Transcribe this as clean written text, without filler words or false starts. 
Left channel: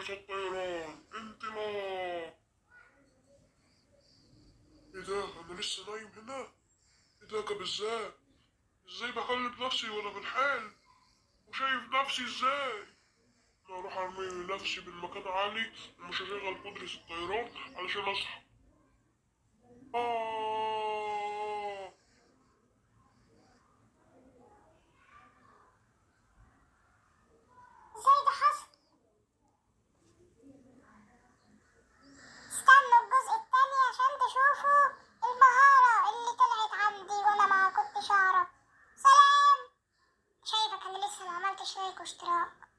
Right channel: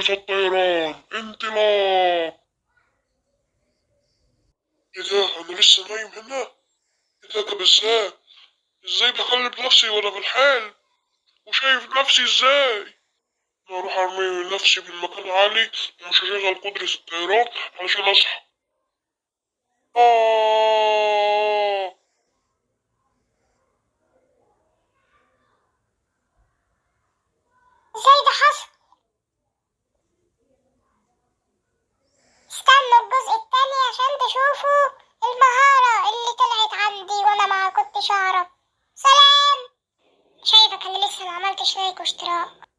كيف الطيران؟ انطلاق. ايه ده؟ انا لسه نايم هنا؟ ايه ده؟ طب ازاي بقلب نفسي وانا في الحال وشايف نفسي ازاي؟ انا اروح ارمي نفسي من مكان عالي ومش هشغل قدرة الطيران علشان اصحى. آه. ازاي ده حصل؟ استنوا الجزء التاني عشان تشوفوا المهارة اللي طلعت عندي وانا ما كنتش اعرف. سلام. شايفك انا لسه ما عملتش لايك واشتراك.